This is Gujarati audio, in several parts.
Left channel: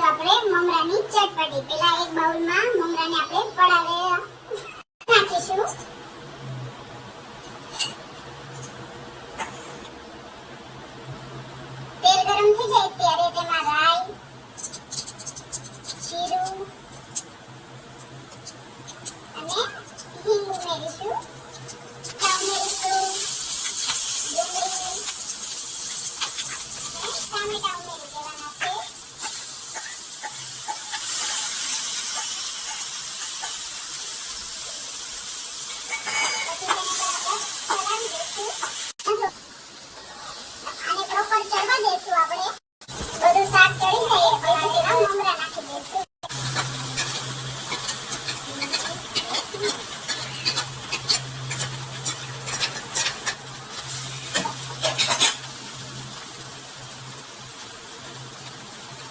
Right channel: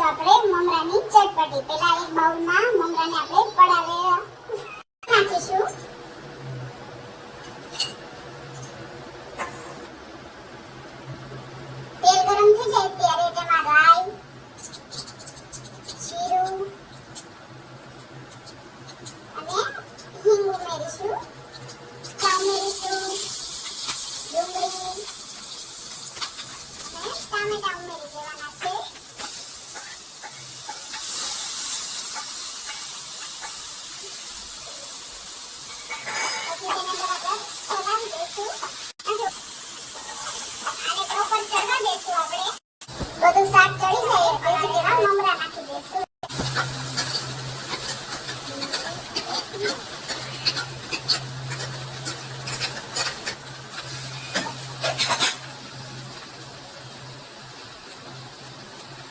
બનાવીશું આપણે મમરાની ચટપટી. પહેલા એક બાઉલમાં મમરાને આપણે પડાવે નાખીશું. તેલ ગરમ થઈ જાય ત્યારે તેમાં રાઈ, જીરું અને હિંગ ઉમેરીશું. ઉમેરીશું ડુંગળી અને ટામેટા ઉમેરી દેવાના છે.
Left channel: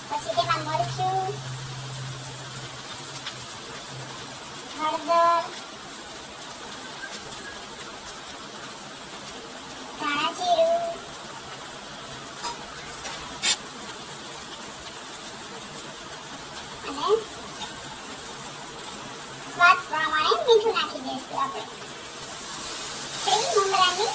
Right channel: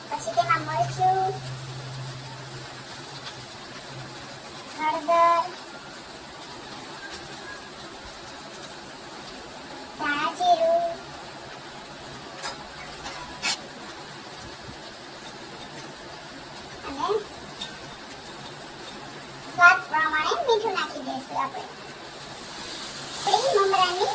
પછી તેમાં મરચું, હળદર, ધાણા જીરું અને સ્વાદ પ્રમાણે મીઠું નાખી દઈશું આપણે. મમરાની